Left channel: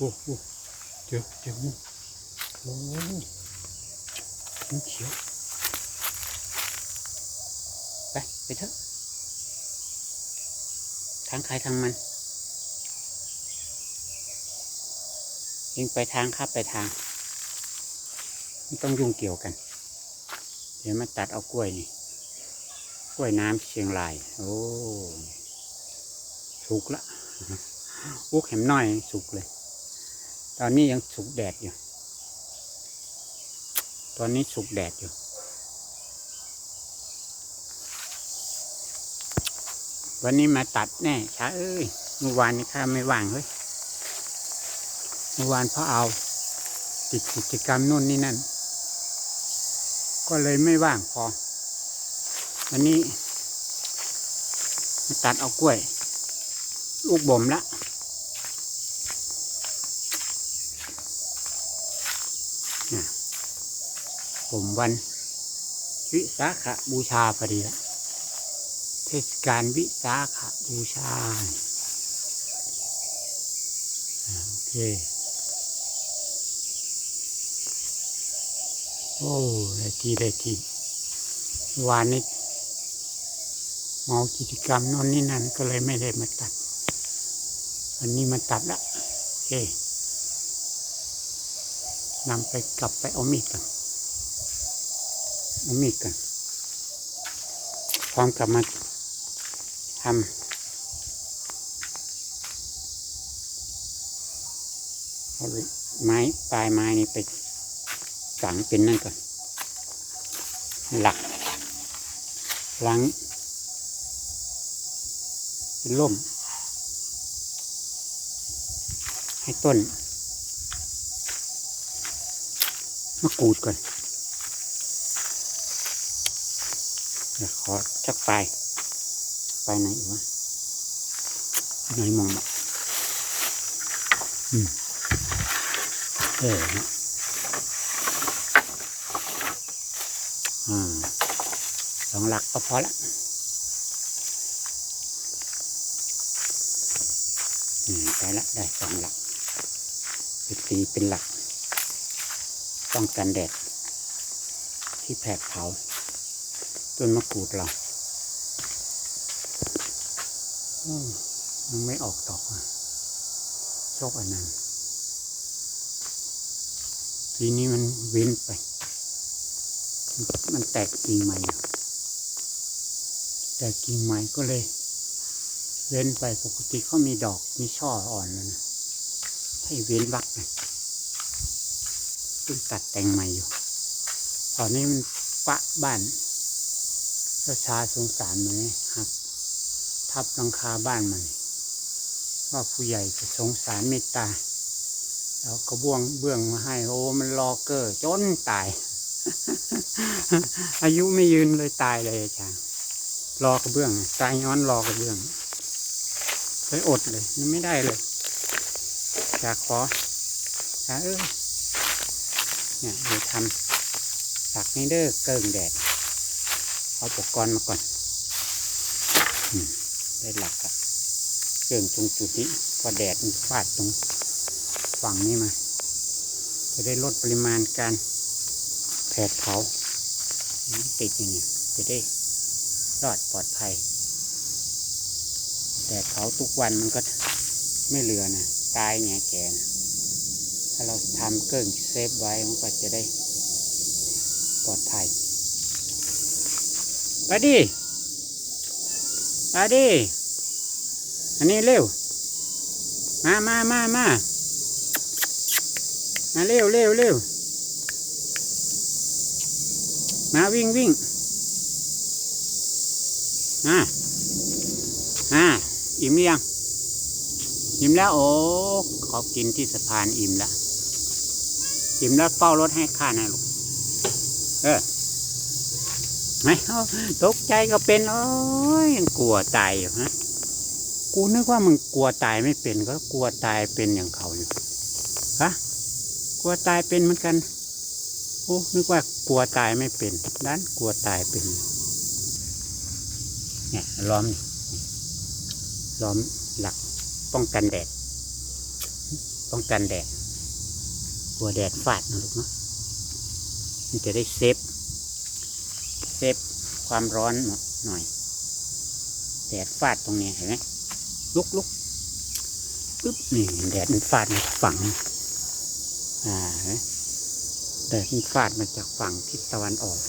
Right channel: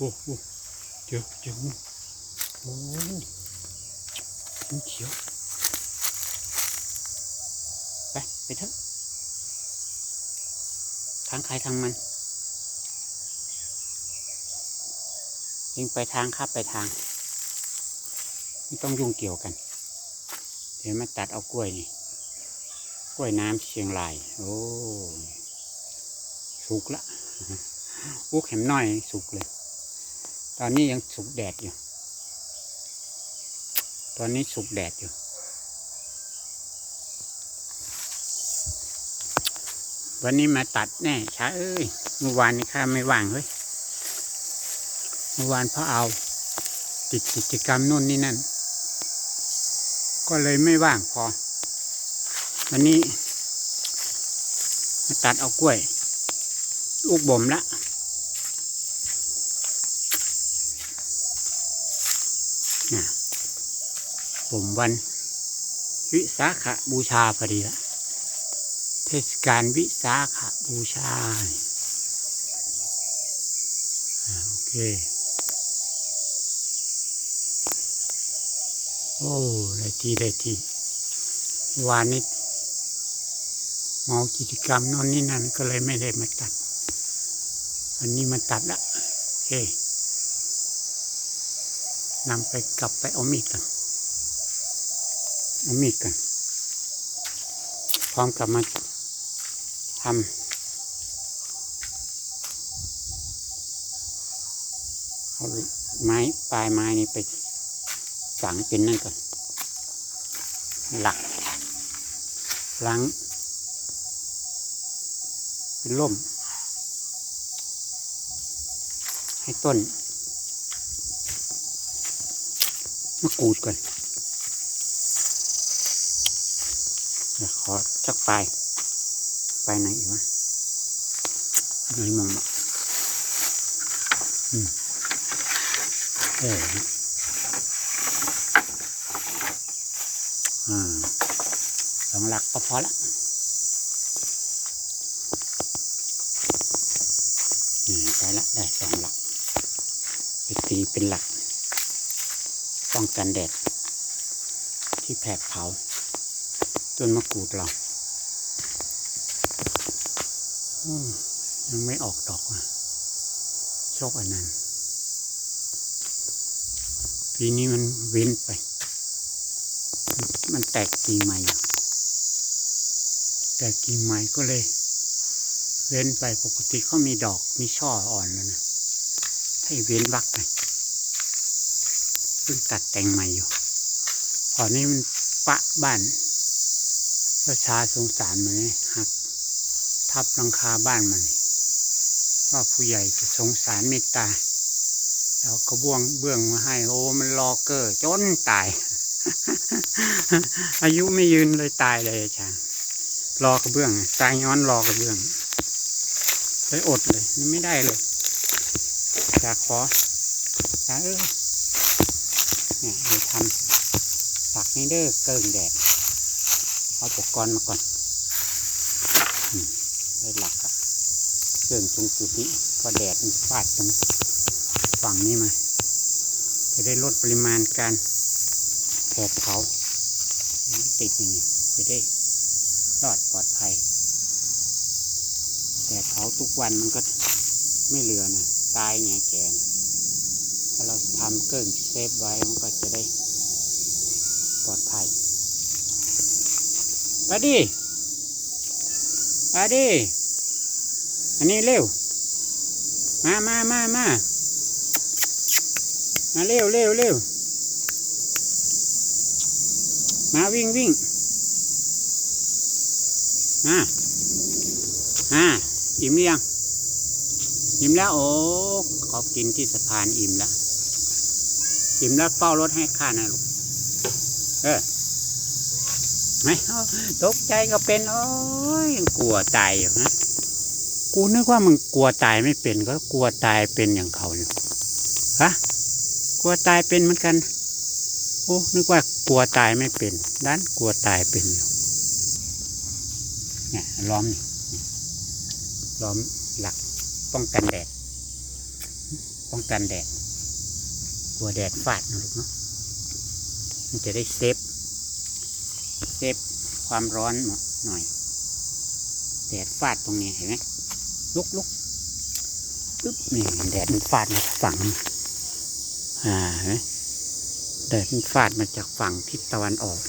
โอ้โหเจอเจองูโอ้งูเขียว ไป ไปเถอะ ทางใครทางมันเองไปทางข้าไปทาง ไม่ต้องยุ่งเกี่ยวกัน เดี๋ยวมาตัดเอากล้วยนี่ กล้วยน้ำเชียงราย โอ้สุกละ อุกเห็มน้อยสุกเลย ตอนนี้ยังสุกแดดอยู่ ตอนนี้สุกแดดอยู่ วันนี้มาตัดแน่ช้าเอ้ย เมื่อวานนี้ข้าไม่ว่างเฮ้ย เมื่อวานพราะเอาติดกิจกรรมนู่นนี่นั่น ก็เลยไม่ว่างพอ วันนี้มาตัดเอากล้วย ลูกบ่มละเนี่ย บ่มวันวิสาขบูชาพอดีละเทศกาลวิสาขบูชาโอเค โอ้ได้ทีได้ทีวานนี้เมากิจกรรมน่นนี่นั่นก็เลยไม่ได้มาตัด อันนี้มาตัดละโอเคนำไปกลับไปเอามีดกัน มีดกันพร้อมกับมาทำเอาไม้ปลายไม้นี่ไปฝังเป็นนั่นก่อนหลักหลังเป็นล่ม ให้ต้นมะกรูดก่อน เดี๋ยวขอจักปไปไหนอีกวะไม่มองหรอกอืมเออฮะอ่าสองหลักก็พอละอืมได้ละได้สองหลักไปตีเป็นหลัก ป้องกันแดดที่แผดเผา ต้นมะกรูดเรายังไม่ออกดอกอะโชคอันนั้นปีนี้มันเว้นไป มันแตกกิ่งใหม่ แตกกิ่งใหม่ก็เลย เว้นไปปกติเขามีดอกมีช่ออ่อนแล้วนะให้เว้นวักไปเพิ่งตัดแต่งใหม่อยู่พอนี้มันปะบ้าน ประชาสงสารมันนี่หัก ทับหลังคาบ้านมันว่าผู้ใหญ่จะสงสารเมตตา แล้วก็บ้วงเบื้องมาให้ โอ้มันรอเกอร์จนตาย อายุไม่ยืนเลยตายเลยอาจารย์รอกระเบื้องตายย้อนรอกระเบื้องเลยอดเลยไม่ได้เลยอยากขออยากเออเนี่ยเดี๋ยวทำฝักนี้เด้อเกิงแดด เอาอุปกรณ์มาก่อนอได้หลักอะเครื่งตรงจุดนี้พอแดดมันฟาดตรงฝั่งนี้มา จะได้ลดปริมาณการแผดเผาติดอย่างนี้จะได้รอดปลอดภัย แดดเผาทุกวันมันก็ไม่เหลือนะตายเนี่ยแกนะถ้าเราทำเครื่งเซฟไว้มันก็จะได้ปลอดภัย มาดิมาดิอันนี้เร็ว มามามามามาเร็วเร็วเร็วมาวิ่งวิ่งมาอ่าอิ่มหรือยังอิ่มแล้วโอ้ขอบกินที่สะพานอิ่มแล้วอิ่มแล้วเฝ้ารถให้ข้านะลูกเออ ไม่เอาตกใจก็เป็น โอ้ยยังกลัวตายอยู่ฮะกูนึกว่ามึงกลัวตายไม่เป็นก็กลัวตายเป็นอย่างเขาอยู่ฮะกลัวตายเป็นเหมือนกันโอ้นึกว่ากลัวตายไม่เป็นด้านกลัวตายเป็นเนี่ยล้อมนี่ล้อมหลักป้องกันแดด ป้องกันแดด กลัวแดดฟาดนะลูกเนาะมันจะได้เซฟ เซฟความร้อนหน่อยแดดฟาดตรงนี้เห็นไหมลุกลุกปึ๊บนี่แดดมันฟาดมาจากฝั่งอ่าเห็นไหมแดดมันฟาดมาจากฝั่งทิศตะวันออก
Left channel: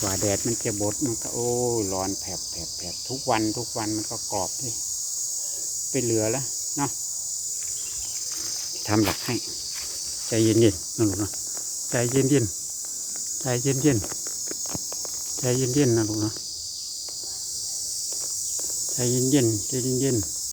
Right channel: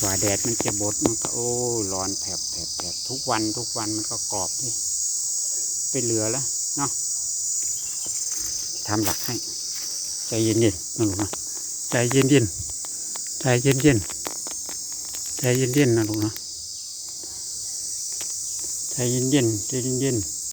กว่าแดดมันจะบดมันก็โอ้ร้อนแผลบแผลบแผลบทุกวันทุกวันมันก็กรอบด้วยไปเหลือแล้วเนาะทำหลักให้ ใจเย็นๆนะลูกนะใจเย็นๆใจเย็นๆ ใจเย็นๆนะลูกนะใจเย็นๆใจเย็นๆ